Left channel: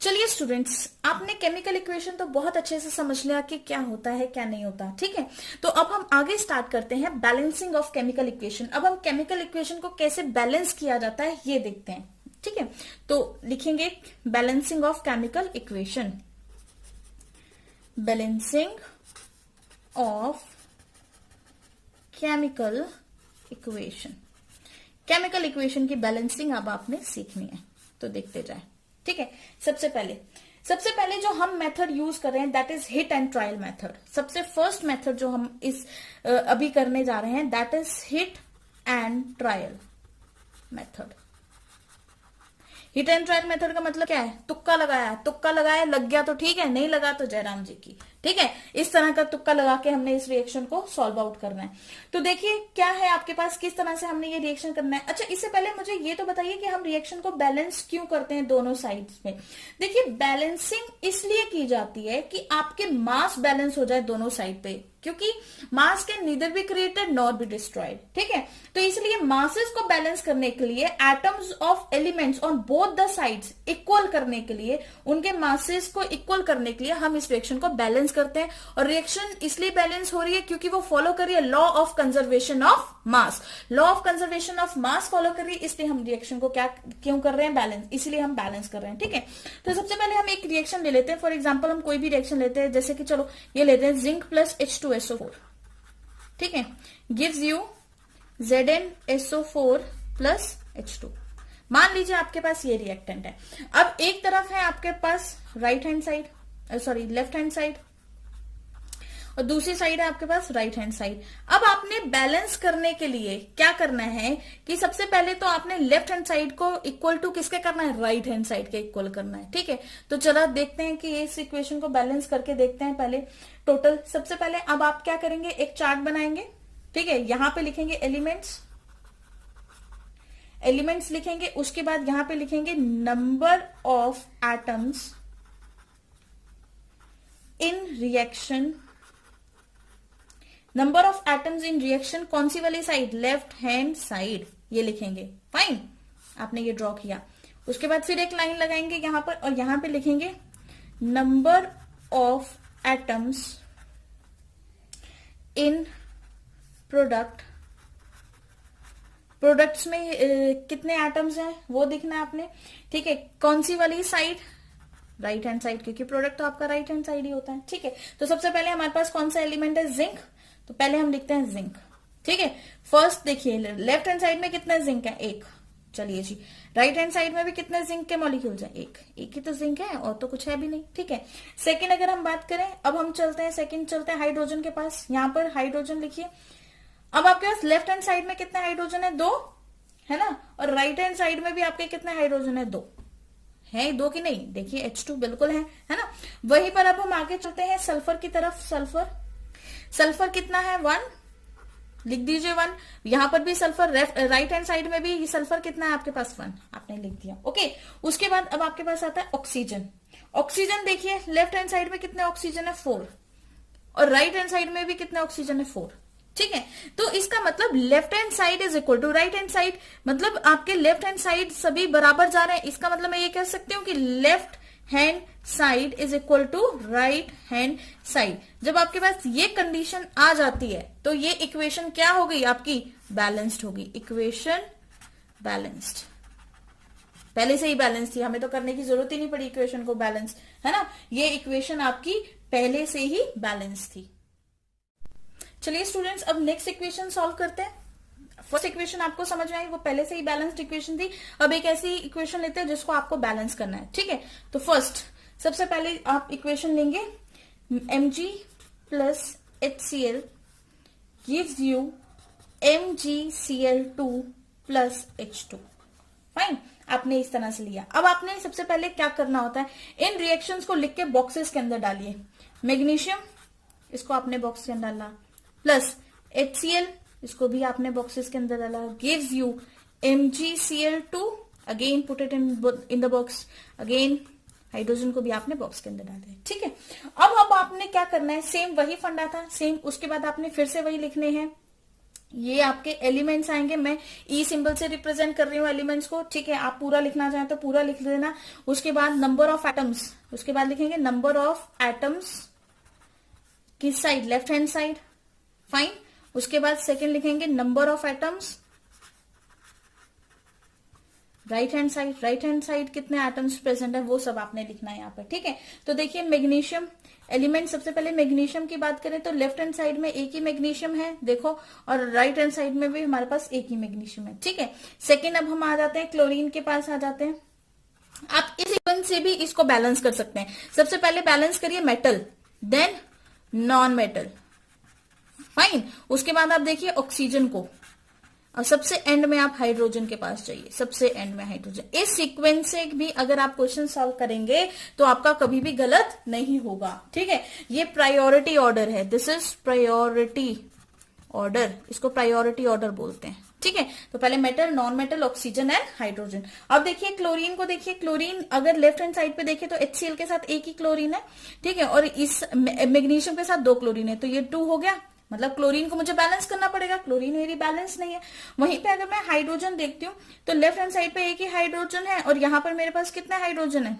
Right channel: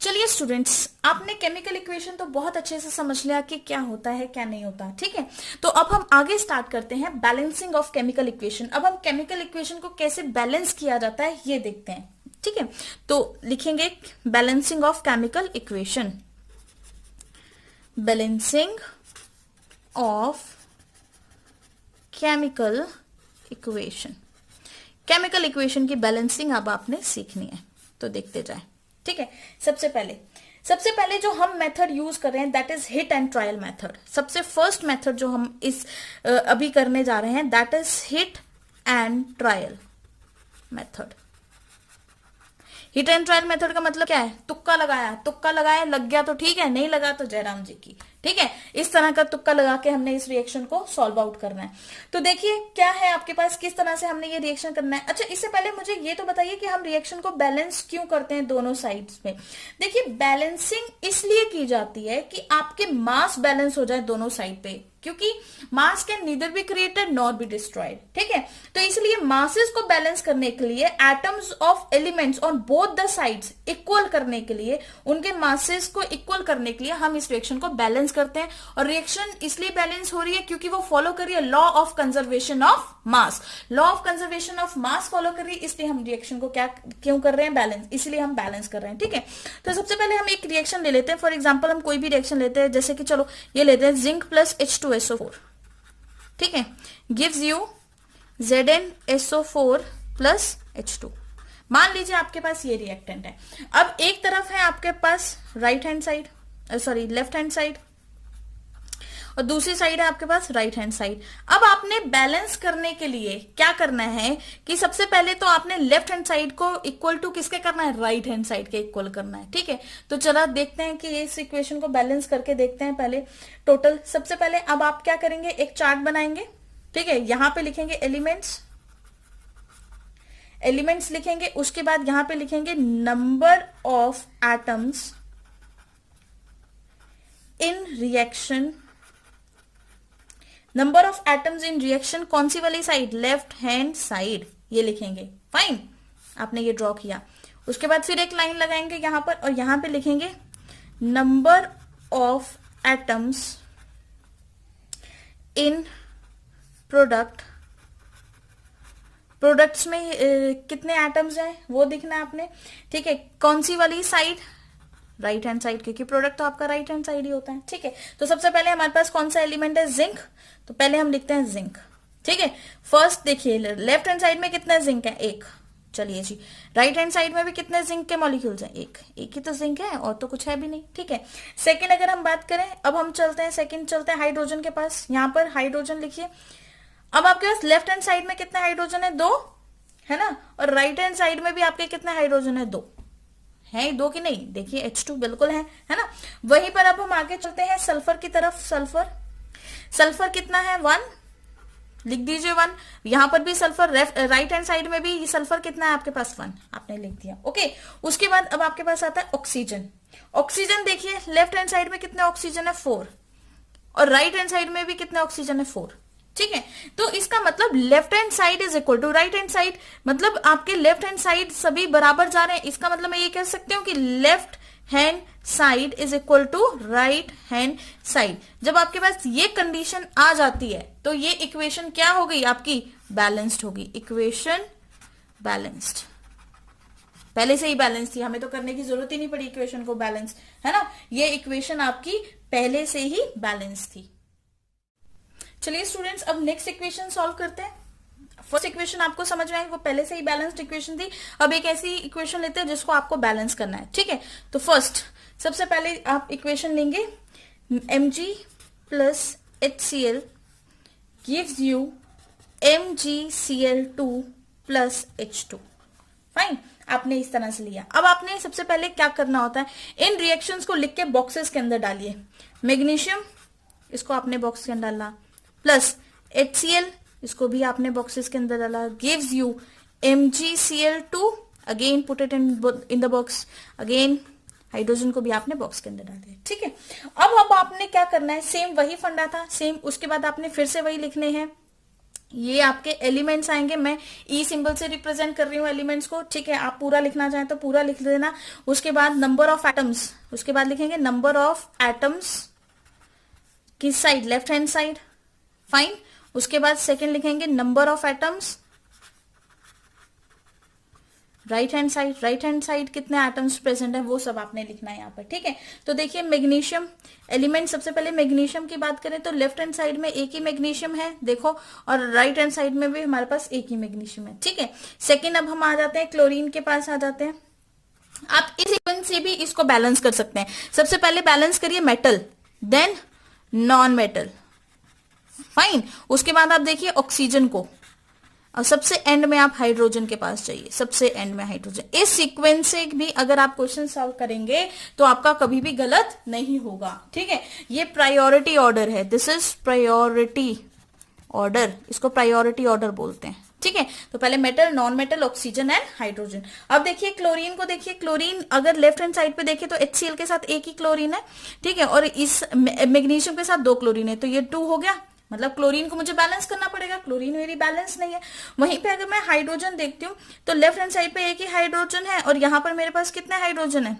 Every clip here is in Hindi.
चलिए स्टूडेंट्स, आपने केमिकल इक्वेशन तो बहुत अच्छे से समझ लिया कि क्या होता है क्या नहीं होता, ठीक है। तो अब हम आगे स्टार्ट करते हैं बैलेंसिंग ऑफ केमिकल इक्वेशन। अब हम केमिकल इक्वेशन को कैसे बैलेंस किया जाता है ये देखते हैं, ठीक है। तो लिखेंगे balancing of chemical equation, balancing of chemical equation. Chemical equation की बैलेंसिंग अब आपने सीखनी है, तो देखते जाए, ठीक है। सबसे पहले जो हम मेथड यूज कर रहे हैं that is hit and trial method. सबसे फर्स्ट मेथड जो हम इस अभी करने जा रहे हैं that is hit and trial method. Hit and trial method का मतलब क्या है? तुक्का लगाया, लग गया तो ठीक है, नहीं लगा तो जयराम जी की, ठीक है। इस तरह का तुक्का लगा के हमने इस रिएक्शन को सॉल्व आउट करना है। तो देखिए क्या है आपके पास, किस तरह से हमने ये रिएक्शन करना है। अच्छा, इससे पहले मुझे ये तो बताइए कि हम रिएक्शन को बैलेंस क्यों करते हैं दोनों साइड्स में। देखिए, बैलेंसिंग इसलिए की जाती है कि आपके मास बैलेंस हो जाए दोनों साइड पे, क्योंकि मास can neither be created not be destroyed, ठीक है। तो इसलिए मासेस को बैलेंस करने के लिए, atoms of elements on both the sides equal करने के लिए, उनके मासेस को इक्वल करने के लिए हम इस रिएक्शन को बैलेंस करते हैं। और रिएक्शन इसलिए बैलेंस हो रही है क्योंकि वो फॉलो कर रही है law of conservation of mass. Law of conservation of mass follow कर रही है, इसलिए हम रिएक्शन को क्यों कर रहे हैं? बैलेंस, इसलिए हम बैलेंस कर रहे हैं, ठीक है। तो सबसे पहले हम एक रिएक्शन ले लेते हैं। फॉर एग्जाम्पल हम कोई भी रिएक्शन लेते हैं, जैसे कि चलो ये लेते हैं जिंक प्लस H2SO4, ठीक है, gives you ZnSO4 plus H2। मान लीजिए आपके पास ये रिएक्टेंट है। अब एक तरफ है आपके पास लेफ्ट हैंड साइड, और दूसरी साइड है आपके पास राइट हैंड साइड। अब आपने बैलेंस करने के लिए क्या करना है कि सबसे पहले तो आपने लेफ्ट हैंड साइड को इक्वल टू किसके करना है? राइट हैंड साइड के इक्वल करना है, ठीक है। तो चलो देखते हैं कि इस इक्वेशन को बैलेंस करके देखते हैं पहले टोटल। सबसे पहले अब आप क्या करेंगे, एक चार्ट बनाएंगे, ठीक है। यहां पे लिखेंगे एलिमेंट्स लिखेंगे, उसके बाद यहां पे लिखेंगे number of atoms in reaction. Number of atoms in reaction कौन सी वाली साइड? लेफ्ट हैंड साइड, ये लिखेंगे। फाइन, आपने ये ड्रॉ किया। उसके बाद फिर एक लाइन लगाएंगे यहां पर, और यहां पे लिखेंगे number of atoms in product. Products में कितने एटम्स हैं वो दिखना है आपने, ठीक है। कौन सी वाली साइड? राइट हैंड साइड, क्योंकि प्रोडक्ट तो आपका राइट हैंड साइड ही होता है, ठीक है। तो सबसे पहले हमारे पास कौन सा एलिमेंट है? जिंक। तो पहले हम लिखते हैं जिंक, ठीक है। फर्स्ट देखिए, लेफ्ट हैंड साइड में कितना जिंक है? एक। चलिए जी, राइट हैंड साइड में भी कितने जिंक के मॉलिक्यूल्स हैं? एक ही तो जिंक है, और तो कुछ है भी नहीं, ठीक है। सेकेंड अगर हम बात करें, अब हम चलते हैं हाइड्रोजन के पास। यहां पर हाइड्रोजन लिखिए। अब आपके पास लेफ्ट हैंड साइड में कितना हाइड्रोजन है? 2 है ना। और राइट हैंड साइड में भी आपके कितना हाइड्रोजन है? 2 है। 2 की नहीं, देखिए H2 बिल्कुल है ना। वहीं पर अब हम आगे चलते हैं सल्फर की तरफ। सल्फर कितना है? 1, लिख दीजिए 1। यहां पर भी सल्फर, राइट हैंड साइड में भी सल्फर कितना है आपके पास? 1, आपने लिख दिया, ओके। उसके बाद अब आपके पास आता है ऑक्सीजन देखिए, लेफ्ट हैंड साइड में कितना ऑक्सीजन है? 4, और राइट हैंड साइड में भी कितना ऑक्सीजन है? 4, ठीक है। तो इसका मतलब left hand side is equal to right hand side, मतलब आपके लेफ्ट हैंड साइड सभी बराबर जा रहे हैं। इसका मतलब मैं ये कह सकती हूँ कि left hand side is equal to right hand side. जब आपके पास ये कंडीशन आ जाती है तो ये इक्वेशन क्या हो गई आपकी? बैलेंस्ड होगी। इक्वेशन बैलेंस्ड, पहले से ही बैलेंस थी, हमें तो करने की जरूरत ही नहीं पड़ी इक्वेशन को बैलेंस, है ना। ये इक्वेशन आपकी पहले से ही बैलेंस थी। चलिए स्टूडेंट्स, अब नेक्स्ट इक्वेशन सॉल्व करते हैं। फर्स्ट इक्वेशन आपको समझ में आई, वो पहले से ही बैलेंस्ड इक्वेशन थी। अब एक ऐसी इक्वेशन लेते हैं जिसको आपको बैलेंस करना है, ठीक है। तो फर्स्ट सबसे पहले आप इक्वेशन लेंगे Mg plus HCl gives you MgCl2 plus H2। Fine, आपने इस तरह से लिया। अब आपने सबसे पहले क्या करना होता है, इन रिएक्शंस को लिख के बॉक्सेस के अंदर डालिए। मैग्नीशियम, इसको आपने बॉक्स के अंदर डाला, प्लस HCl, इसको भी आपने बॉक्सेस के अंदर डाला, gives you MgCl2, again put it in the box, again hydrogen को भी आपने बॉक्स के अंदर डाल दिया, ठीक है। अब आपने क्या करना है, सेम वही फंडा था, सेम। उसके बाद आपने फिर से वही लिखने हैं ये आपके एलिमेंट्स आएंगे, मैं ई सिंबल से रिप्रेजेंट कर रही हूँ एलिमेंट्स को, ठीक है। आप पूरा लिखना चाहें तो पूरा लिख देना। उसके बाद नंबर ऑफ एटम्स, उसके बाद लिखेंगे नंबर ऑफ एटम्स किस side, left hand side, fine. उसके बाद सेकंड लिखेंगे number of atoms right hand side, right hand side कितने एटम्स प्रेजेंट है वो सब आपने लिखना है यहाँ पर, ठीक है। तो देखिए मैग्नीशियम एलिमेंट, सबसे पहले मैग्नीशियम की बात करें तो लेफ्ट हैंड साइड में एक ही मैग्नीशियम है देखो, और राइट हैंड साइड में भी हमारे पास एक ही मैग्नीशियम है, ठीक है। सेकेंड अब हम आ जाते हैं क्लोरीन के पास आ जाते हैं। आप इस इक्वेशन से भी इसको बैलेंस कर सकते हैं। सबसे पहले बैलेंस करिए metal, then non metal, fine. उसके बाद आप देखिए ऑक्सीजन को, और सबसे एंड में आप हाइड्रोजन के पास जाइए, सबसे एंड में हाइड्रोजन। इस सीक्वेंस से भी अगर आप क्वेश्चन सॉल्व करेंगे तो आपका कभी भी गलत नहीं होगा, ठीक है। ये प्रायोरिटी ऑर्डर है, दिस इज प्रायोरिटी ऑर्डर, इसको प्रायोरिटी ऑर्डर बोलते हैं, ठीक है। तो पहले metal, non metal, oxygen and hydrogen. अब देखिए क्लोरीन को, देखिए क्लोरीन अगर लेफ्ट हैंड साइड पे देखें तो HCl के साथ एक ही क्लोरीन है, ठीक है, और इस मैग्नीशियम के साथ 2 क्लोरीन है, तो ये 2 हो गया। मतलब क्लोरीन को मुझे बैलेंस करना पड़ेगा, क्लोरीन मेरी बैलेंस नहीं है। वहीं पे अगर मैं हाइड्रोजन देखती हूँ तो लेफ्ट हैंड साइड पे एक ही हाइड्रोजन है, और यहाँ पर मेरे पास कितने हाइड्रोजन है,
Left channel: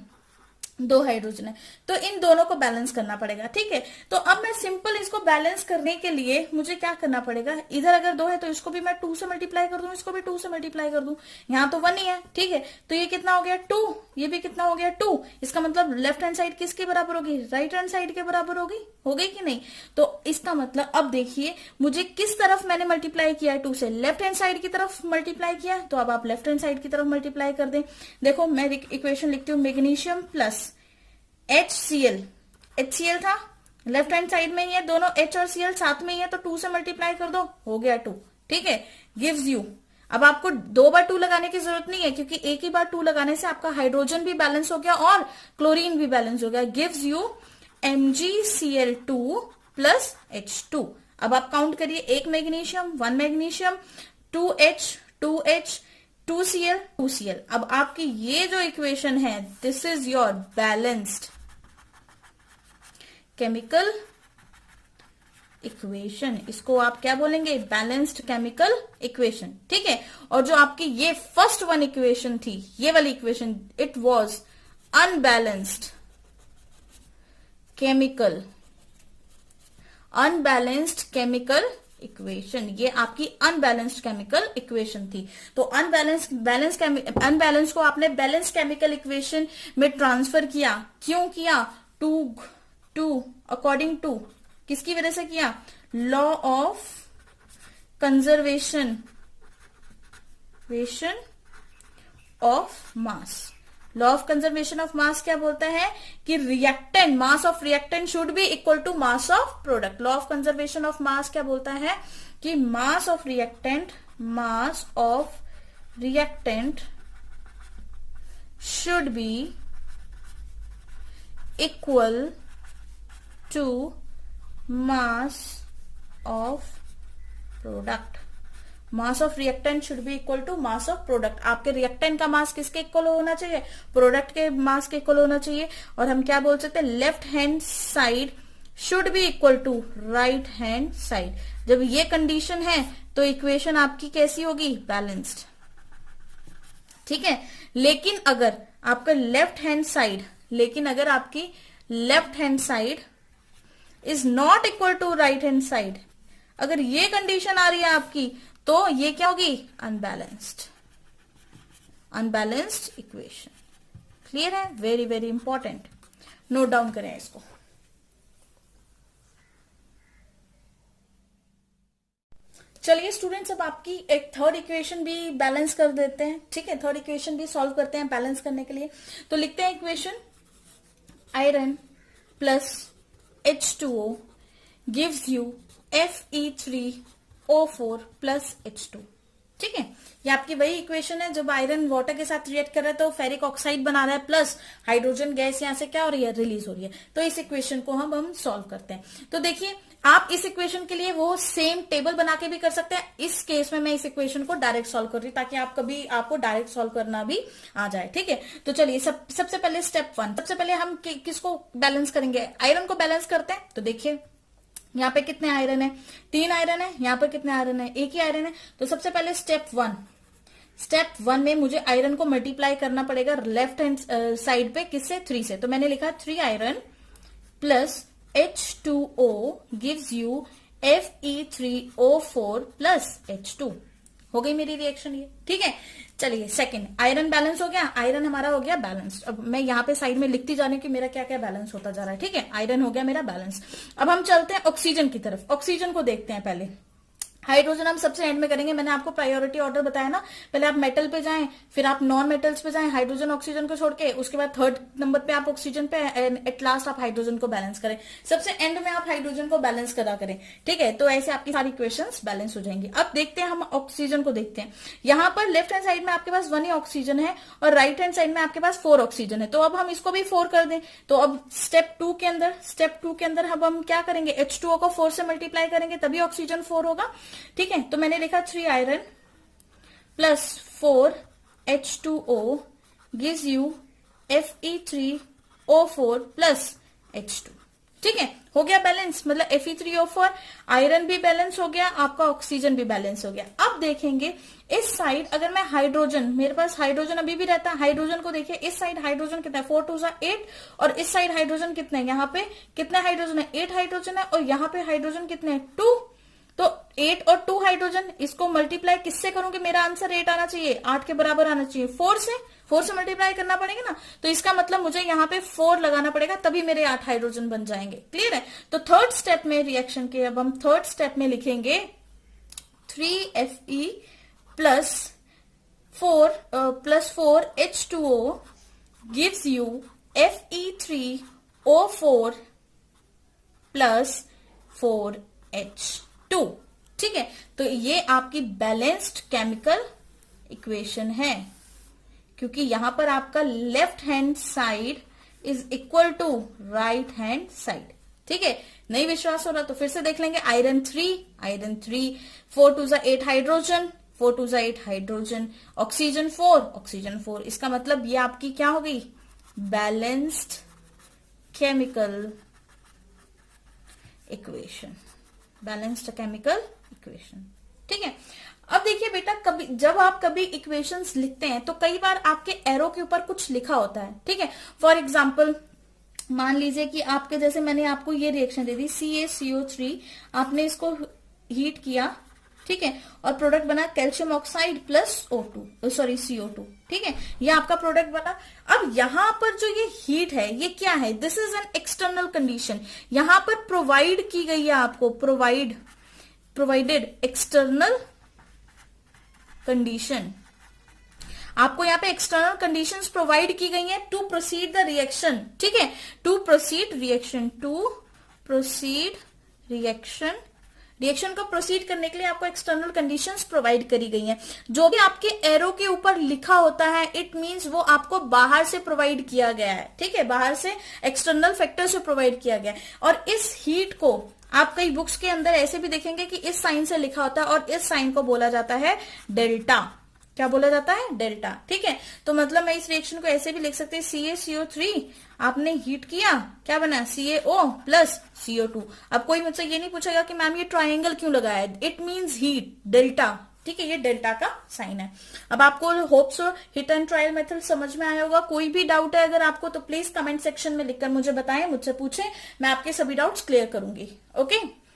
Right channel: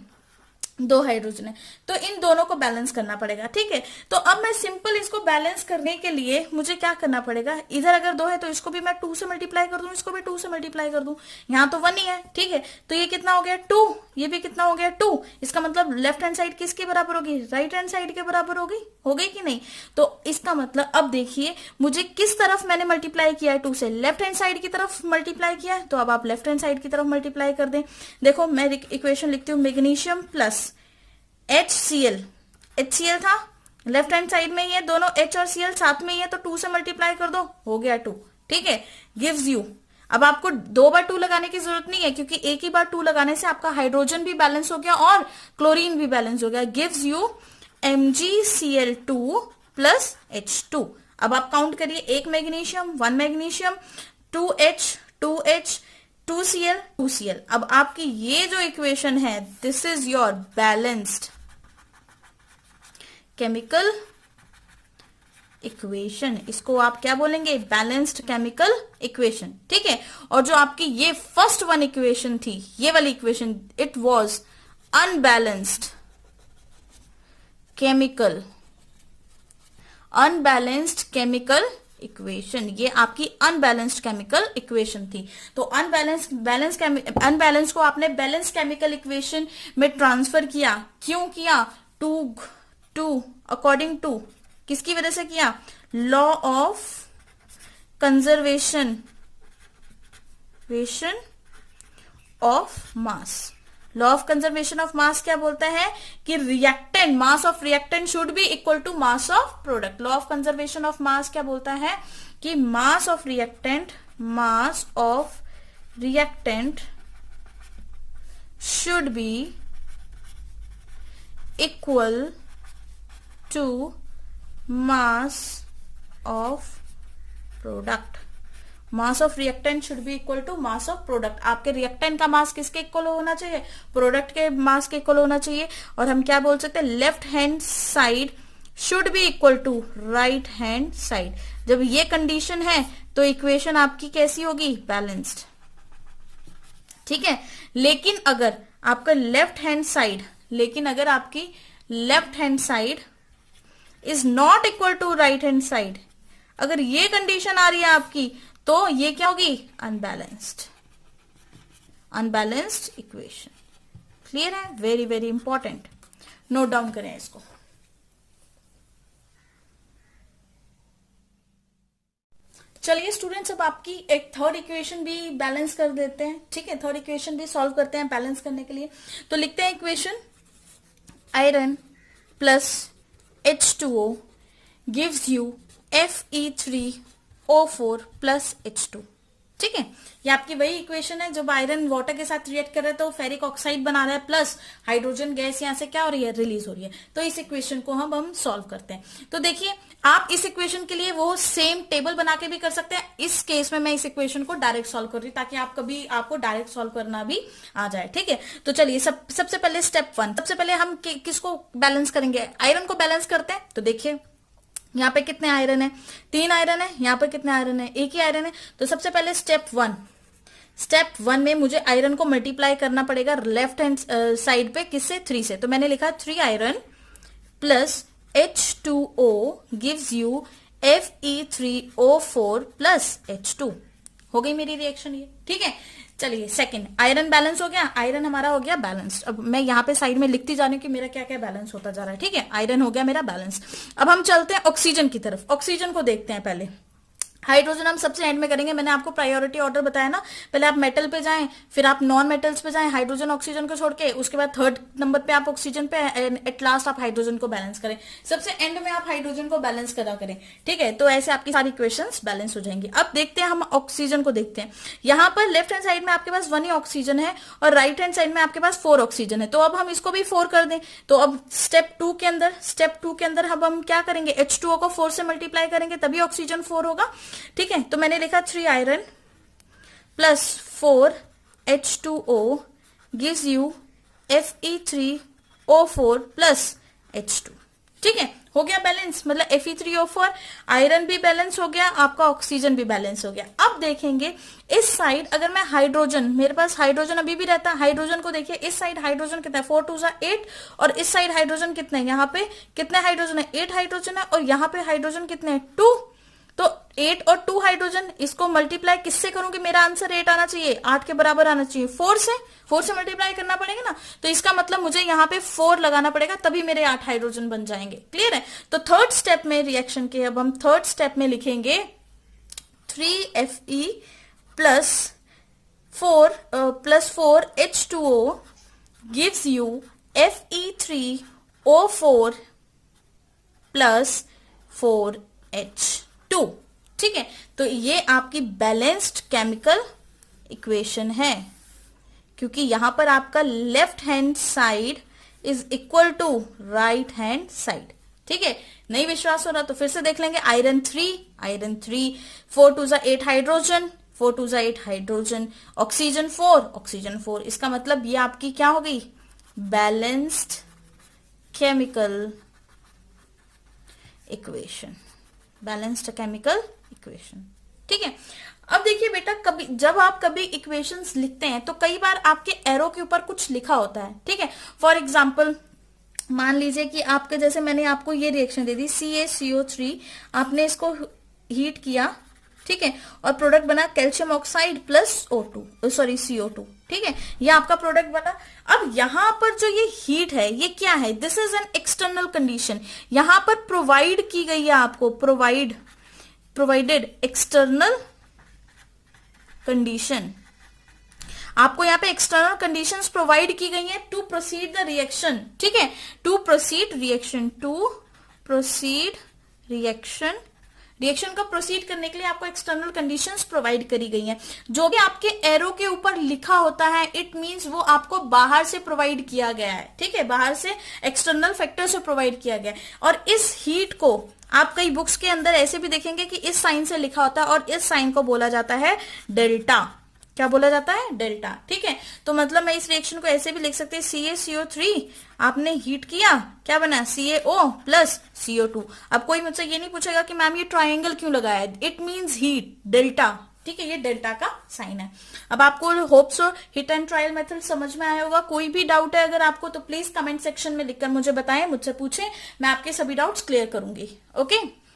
2 हाइड्रोजन है, तो इन दोनों को बैलेंस करना पड़ेगा, ठीक है। तो अब मैं सिंपल इसको बैलेंस करने के लिए मुझे क्या करना पड़ेगा, इधर अगर 2 है तो इसको भी मैं 2 से मल्टीप्लाई कर दूं, इसको भी 2 से मल्टीप्लाई कर दूं, यहाँ तो 1 ही है, ठीक है। तो ये कितना हो गया 2, ये भी कितना हो गया 2। इसका मतलब लेफ्ट हैंड साइड किसके बराबर होगी, राइट हैंड साइड के बराबर होगी, हो गई कि नहीं। तो इसका मतलब अब देखिए मुझे किस तरफ मैंने मल्टीप्लाई किया है, 2 से लेफ्ट हैंड साइड की तरफ मल्टीप्लाई किया है, तो अब आप लेफ्ट हैंड साइड की तरफ मल्टीप्लाई कर दें। देखो मैं इक्वेशन लिखती हूँ, मैग्नीशियम प्लस HCl, HCl था लेफ्ट हैंड साइड में ही है, दोनों H और Cl साथ में ही है, तो 2 से मल्टीप्लाई कर दो, हो गया 2, ठीक है। गिव्स यू, अब आपको 2 बार 2 लगाने की जरूरत नहीं है, क्योंकि एक ही बार 2 लगाने से आपका हाइड्रोजन भी बैलेंस हो गया और क्लोरीन भी बैलेंस हो गया। Gives you MgCl2 plus H2। अब आप काउंट करिए, 1 magnesium, 1 magnesium, 2H, 2H, 2Cl, 2Cl। अब आपकी ये जो इक्वेशन है, this is your balanced chemical equation, इसको आप क्या बोलेंगे, बैलेंस्ड केमिकल इक्वेशन, ठीक है। और जो आपकी ये फर्स्ट वन इक्वेशन थी, ये वाली equation, it was unbalanced chemical equation, ये आपकी अनबैलेंस्ड केमिकल इक्वेशन थी। तो अनबैलेंस को आपने बैलेंस केमिकल इक्वेशन में ट्रांसफर किया, क्यों किया, टू अकॉर्डिंग टू किसकी वजह से किया, law of conservation of mass. Law of conservation of mass क्या बोलता है कि reactant, mass of reactant should be equal to mass of product. Law of conservation of mass क्या बोलता है कि mass of reactant should be equal to mass of product. Mass of reactant should be equal to mass of product. आपके रिएक्टेंट का मास किसके इक्वल होना चाहिए, प्रोडक्ट के मास के इक्वल होना चाहिए। और हम क्या बोल सकते हैं, left hand side should be equal to right hand side. जब ये कंडीशन है तो इक्वेशन आपकी कैसी होगी, बैलेंस्ड, ठीक है। लेकिन अगर आपका आपकी left hand side is not equal to right hand side, अगर ये कंडीशन आ रही है आपकी, तो ये क्या होगी, अनबैलेंस्ड इक्वेशन। क्लियर है, very very important, note down करें इसको। चलिए स्टूडेंट्स, अब आपकी एक थर्ड इक्वेशन भी बैलेंस कर देते हैं, ठीक है। थर्ड इक्वेशन भी सॉल्व करते हैं बैलेंस करने के लिए। तो लिखते हैं equation, iron plus H2O gives you Fe3O4 plus H2, ठीक है। ये आपकी वही इक्वेशन है, जब आयरन वाटर के साथ रिएक्ट कर रहा है तो फेरिक ऑक्साइड बना रहा है, प्लस हाइड्रोजन गैस यहां से क्या हो रही है, रिलीज हो रही है। तो इस इक्वेशन को हम सॉल्व करते हैं। तो देखिए, आप इस इक्वेशन के लिए वो सेम टेबल बना के भी कर सकते हैं। इस केस में मैं इस इक्वेशन को डायरेक्ट सॉल्व कर रही हूं, ताकि आपको डायरेक्ट सॉल्व करना भी आ जाए, ठीक है। तो चलिए सबसे पहले स्टेप 1, सबसे पहले हम किसको बैलेंस करेंगे, आयरन को बैलेंस करते हैं। तो देखिए यहाँ पे कितने आयरन है, 3 आयरन है, यहाँ पे कितने आयरन है, एक ही आयरन है। तो सबसे पहले स्टेप वन में मुझे आयरन को मल्टीप्लाई करना पड़ेगा लेफ्ट हैंड साइड पे, किससे, 3 से। तो मैंने लिखा 3 iron plus H2O gives you Fe3O4 plus H2। हो गई मेरी रिएक्शन ये, ठीक है। चलिए सेकंड, आयरन बैलेंस हो गया, आयरन हमारा हो गया बैलेंस्ड। अब मैं यहाँ पे साइड में लिखती जा रही हूँ कि मेरा क्या क्या बैलेंस होता जा रहा है, ठीक है। आयरन हो गया मेरा बैलेंस। अब हम चलते हैं ऑक्सीजन की तरफ। ऑक्सीजन को देखते हैं पहले। हाइड्रोजन हम सबसे एंड में करेंगे, मैंने आपको प्रायोरिटी ऑर्डर बताया ना, पहले आप मेटल पे जाएं, फिर आप नॉन मेटल्स पे जाएं, हाइड्रोजन ऑक्सीजन को छोड़ के, उसके बाद थर्ड नंबर पे आप ऑक्सीजन पे, एट लास्ट आप हाइड्रोजन को बैलेंस करें, सबसे एंड में आप हाइड्रोजन को बैलेंस करा करें, ठीक है। तो ऐसे आपकी सारी इक्वेशंस बैलेंस हो जाएंगी। अब देखते हैं हम ऑक्सीजन को देखते हैं। यहाँ पर लेफ्ट हैंड साइड में आपके पास 1 ही ऑक्सीजन है और राइट हैंड साइड में आपके पास 4 ऑक्सीजन है। तो अब हम इसको भी 4 कर दें। तो अब स्टेप टू के अंदर अब हम क्या करेंगे, H2O को 4 से मल्टीप्लाई करेंगे तभी ऑक्सीजन 4 होगा, ठीक है। तो मैंने लिखा 3 iron plus 4 H2O gives you Fe3O4 plus H2, ठीक है। हो गया बैलेंस, मतलब Fe3O4, आयरन भी बैलेंस हो गया, आपका ऑक्सीजन भी बैलेंस हो गया। अब देखेंगे इस साइड, अगर मैं हाइड्रोजन, मेरे पास हाइड्रोजन अभी भी रहता है, हाइड्रोजन को देखिए, इस साइड हाइड्रोजन कितना है, 4 2 8, और इस साइड हाइड्रोजन कितने हैं, यहाँ पे कितने हाइड्रोजन है, 8 हाइड्रोजन है, और यहाँ पे हाइड्रोजन कितने हैं, 2। तो 8 और 2 हाइड्रोजन, इसको मल्टीप्लाई किससे करूंगी, मेरा आंसर 8 आना चाहिए, 8 के बराबर आना चाहिए, 4 से मल्टीप्लाई करना पड़ेगा ना। तो इसका मतलब मुझे यहाँ पे 4 लगाना पड़ेगा, तभी मेरे 8 हाइड्रोजन बन जाएंगे। क्लियर है। तो थर्ड स्टेप में रिएक्शन के, अब हम थर्ड स्टेप में लिखेंगे 3Fe plus 4 H2O gives you Fe3O4 plus 4H2, ठीक है। तो ये आपकी बैलेंस्ड केमिकल इक्वेशन है, क्योंकि यहां पर आपका left hand side is equal to right hand side, ठीक है। नहीं विश्वास हो रहा तो फिर से देख लेंगे। आयरन 3, 4 2 8 हाइड्रोजन, 4 2 8 हाइड्रोजन, ऑक्सीजन 4, इसका मतलब ये आपकी क्या हो गई, बैलेंस्ड केमिकल इक्वेशन, ठीक है। अब देखिए बेटा, कभी जब आप कभी इक्वेशंस लिखते हैं तो कई बार आपके एरो के ऊपर कुछ लिखा होता है, ठीक है। फॉर एग्जाम्पल मान लीजिए कि आपके, जैसे मैंने आपको ये रिएक्शन दे दी CaCO3, आपने इसको हीट किया, ठीक है, और प्रोडक्ट बना कैल्शियम ऑक्साइड प्लस CO2, ठीक है, ये आपका प्रोडक्ट बना। अब यहां पर जो ये हीट है ये क्या है, this is an external condition, यहां पर प्रोवाइड की गई है आपको, प्रोवाइडेड एक्सटर्नल कंडीशन, आपको यहाँ पे एक्सटर्नल कंडीशंस प्रोवाइड की गई हैं टू प्रोसीड द रिएक्शन, ठीक है, टू प्रोसीड रिएक्शन को प्रोसीड करने के लिए आपको एक्सटर्नल कंडीशंस प्रोवाइड करी गई हैं। जो भी आपके एरो के ऊपर लिखा होता है, इट मींस वो आपको बाहर से प्रोवाइड किया गया है, ठीक है, बाहर से एक्सटर्नल फैक्टर से प्रोवाइड किया गया है। और इस हीट को आप कई बुक्स के अंदर ऐसे भी देखेंगे कि इस साइन से लिखा होता है, और इस साइन को बोला जाता है डेल्टा। क्या बोला जाता है, डेल्टा, ठीक है। तो मतलब मैं इस रिएक्शन को ऐसे भी लिख सकते हैं, CaCO3 आपने हीट किया, क्या बना, CaO प्लस CO2। अब कोई मुझसे ये नहीं पूछेगा कि मैम ये ट्राइंगल क्यों लगाया है, इट मींस हीट, डेल्टा, ठीक है, ये डेल्टा का साइन है। अब आपको hope so hit and trial method समझ में आया होगा। कोई भी डाउट है अगर आपको तो प्लीज कमेंट सेक्शन में लिखकर मुझे बताएं, मुझसे पूछें, मैं आपके सभी डाउट्स क्लियर करूंगी। ओके।